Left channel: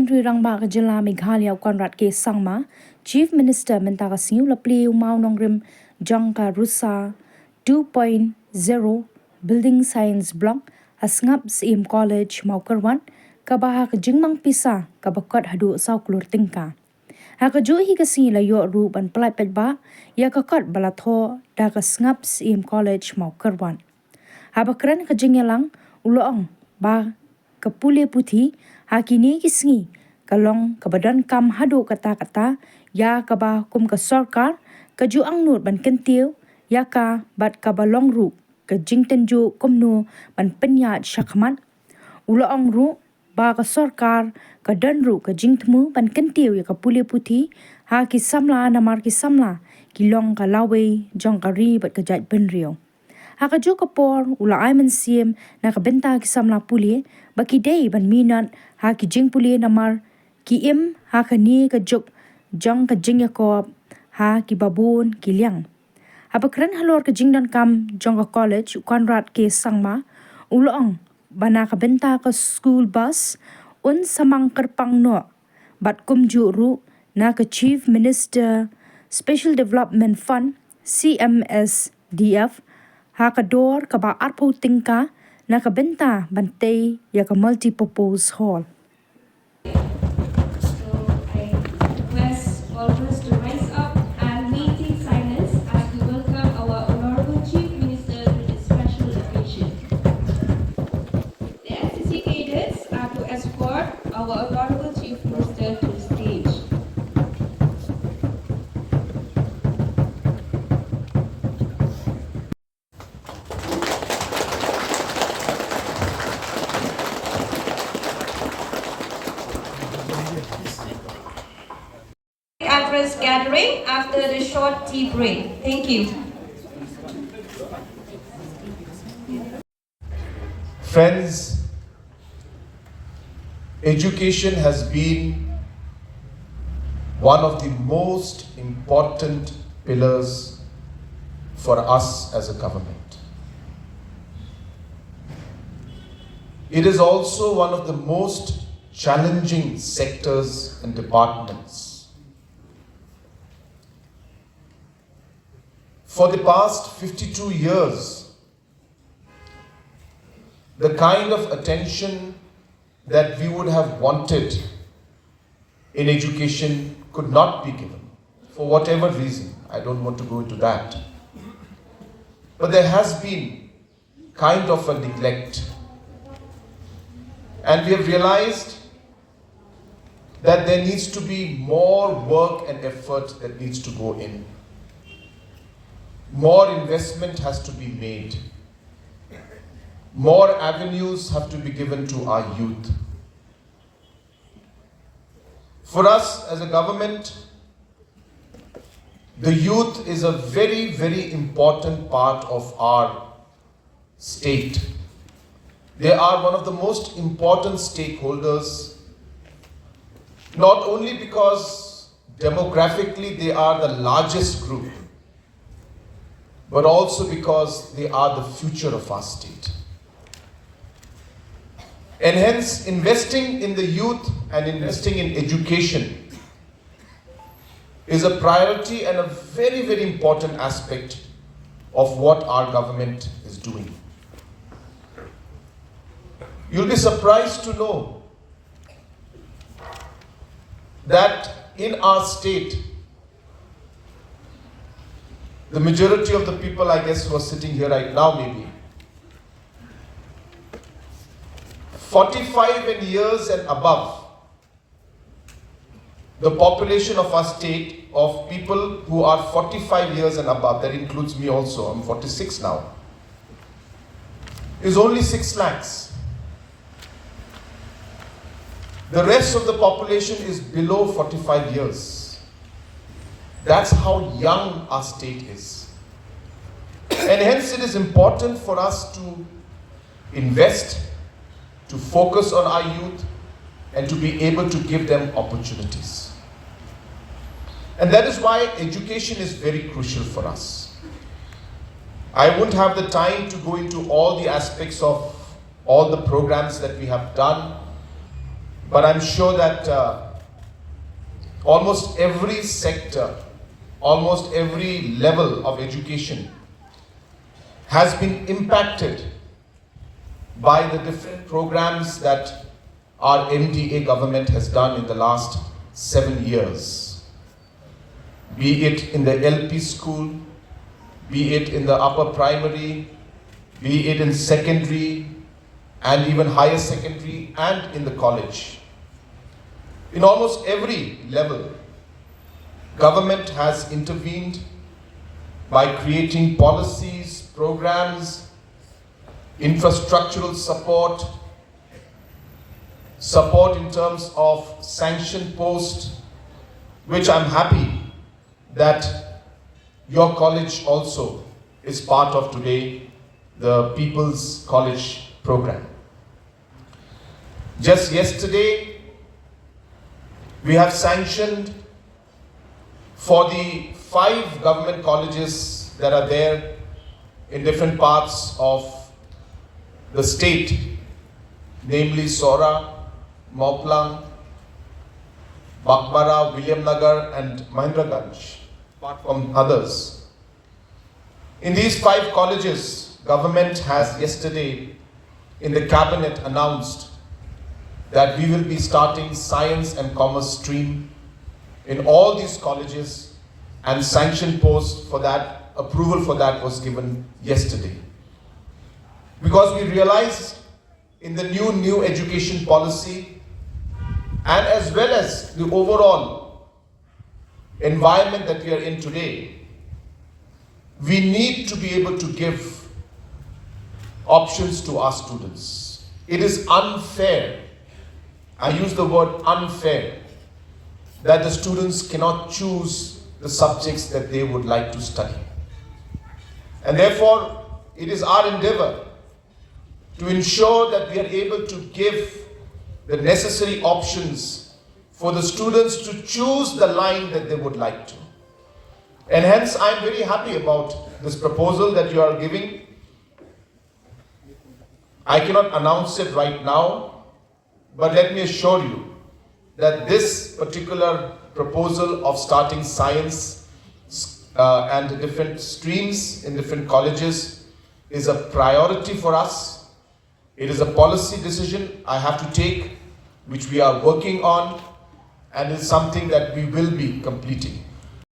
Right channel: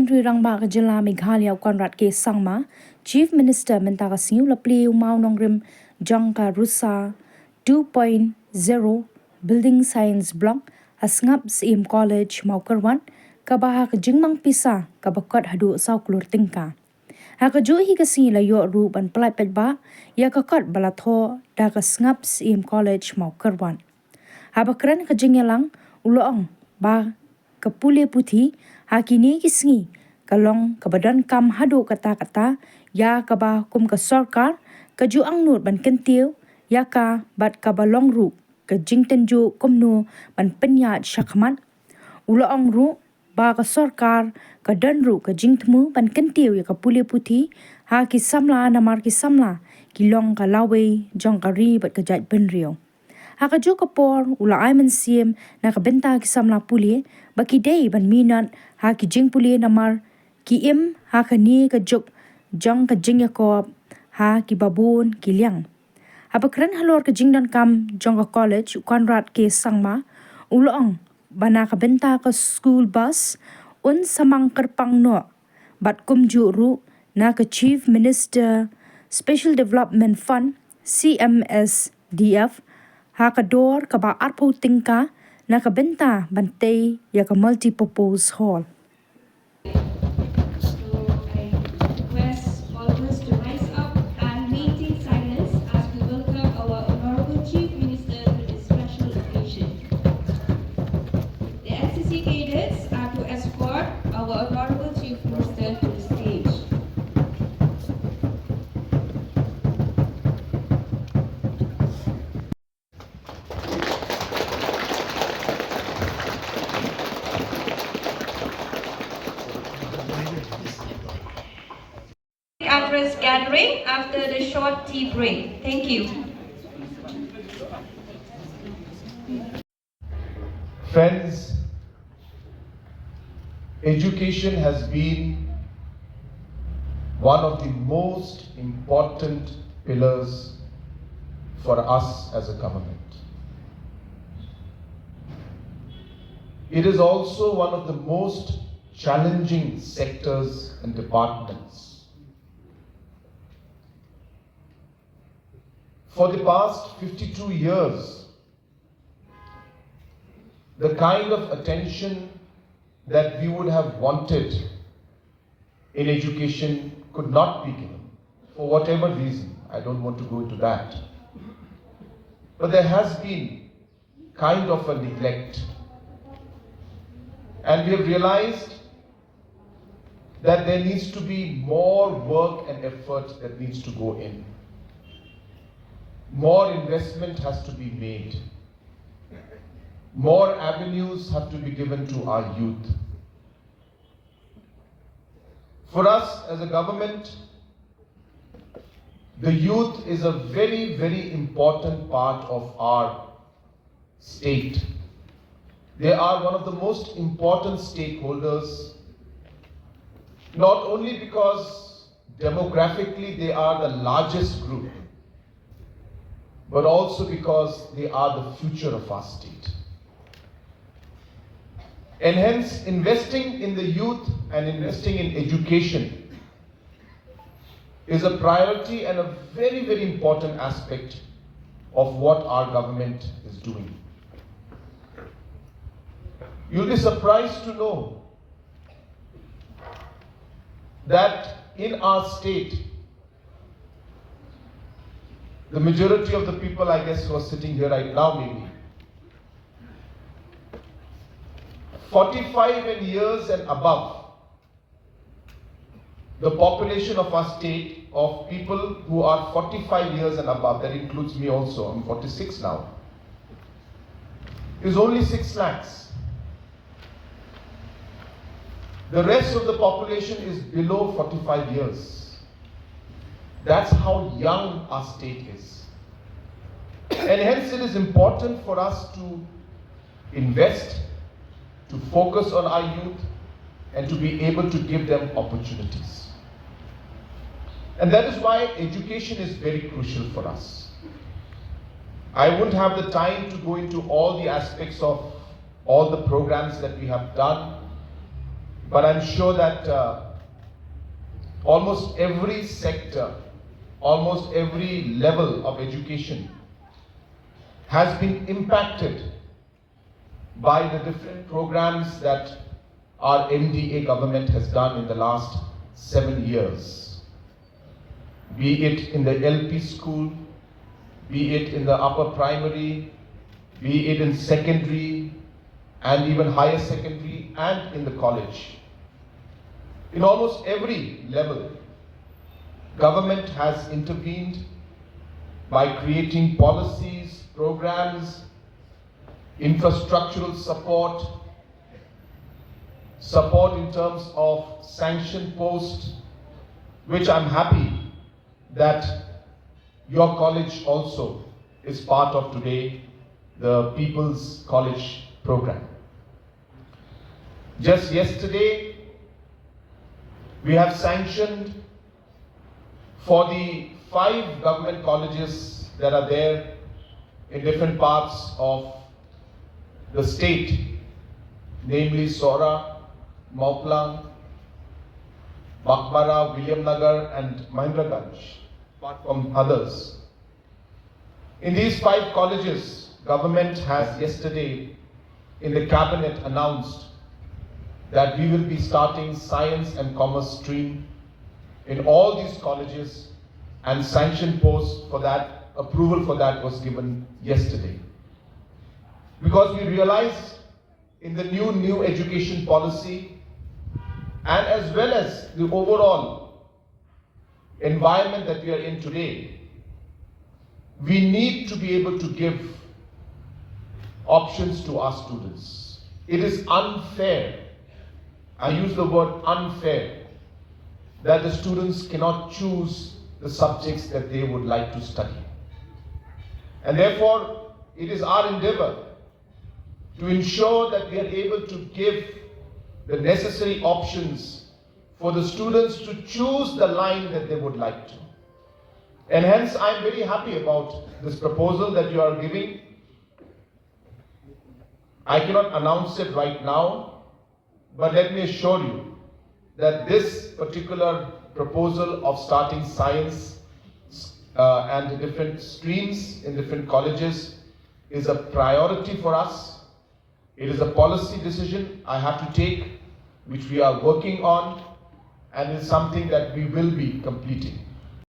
Parliamentary Rangba ka Jila Meghalaya Konrad ke Sangma, Chief Minister Mentaka Siu la Pliu Mau Nongrim Jangka RUSA 2.0 Building Science Block Sngap Syiem College Mau Kerwan kabaha ka jingmang pisa kabakot hadu saw klur tingka. Haka jo hi kasi la yo ru ban plai petba ya kakot balatho da ka Sngap Syiem College Mau Kerwan. Habakran ka jingelang uloong ba kapule puthi hakini kisngi kalong kabadan kam hadu kata-kata ya kaba kum ka sarkar kaju ang nur ban kentiu ya ka bat kabalong ru ka jingtenju kumnu ban penyat syakmat uloong ru ba ka sarkar ka dan ru ka jingtmu ban kentiu ya kapule puthi ha ki samla namar ki samla kilong ka lawe jong kari bat ka jat benrio. Haka jo kapor ula aiman siem na kabenta ki samla puli baki day ban minat ha ki jing puli namar ki im ha ka ni ka juk jong ka jing yakob ha ki babun ki liang. Habakran halor ka jing dan kam jong ka college Konrad ke sangma ulong bana kabenta ka school bus un samang kerpang no bat kumju ru na ka Chief Minister Special Development Fund CMSDF Hakador kaba arpo tingka na kabenta bantay ya ka Multipurpose Hall. So I request all of us to rise up and maintain silence as we welcome our Honorable Chief Minister to this special occasion. The NCC cadets are to escort our Honorable Chief Minister to the stage. Address gathering after the short tea break. Thank you. Friends, education has been one of the most important pillars for us as a government. It is also one of the most challenging sectors and departments. For the past 52 years, the kind of attention that we would have wanted in education could not be given, for whatever reason. I don't want to go into that. But there has been kind of a neglect. And we have realized that there needs to be more work and effort that needs to go in. More investment has to be made. More avenues have to be given to our youth. For us as a government, the youth is a very, very important part of our state. They are one of the most important stakeholders, not only because demographically they are the largest group, but also because they are the future of our state. And hence, investing in the youth and investing in education is a priority and a very, very important aspect of what our government is doing. You'll be surprised to know that in our state, the majority of the people, I guess, who are sitting here right now, maybe 45 and years and above, the population of our state of people who are 45 years and above, that includes me also, I'm 46 now, is only 6 lakhs. The rest of the population is below 45 years. That's how young our state is. And hence it is important for us to invest, to focus on our youth, and to be able to give them opportunities. And that is why education is very crucial for us. I wouldn't have the time to go into all the aspects of all the programs that we have done. but I'm sure that almost every sector, almost every level of education has been impacted by the different programs that our MDA government has done in the last 7 years. Be it in the LP school, be it in the upper primary, be it in secondary and even higher secondary and in the college. In almost every level, government has intervened by creating policies, programs, infrastructural support, support in terms of sanction post, which I'm happy that your college also is part of today, the People's College program. Just yesterday, we have sanctioned for the 5 government colleges that are there in different parts of the state, namely Sora, Mauplang, Bakbara, William Nagar and Mahendraganj, apart from others. In these 5 colleges, government has yesterday in the cabinet announced that we will be starting science and commerce stream in all these colleges, and sanction post for that, approval for that was given yesterday. Because we realized in the new education policy and as well as the overall environment that we are in today, we need to be able to give options to our students. It is unfair, I use the word unfair, that the students cannot choose the subjects that they would like to study. And therefore, it is our endeavor to ensure that we are able to give the necessary options for the students to choose the line that they would like to. And hence, I am very happy about this proposal that you are giving. I cannot announce it right now, but let me assure you that this particular proposal of starting science and different streams in different colleges is a priority for us. It is a policy decision I have to take, which we are working on, and it's something that we will be completing.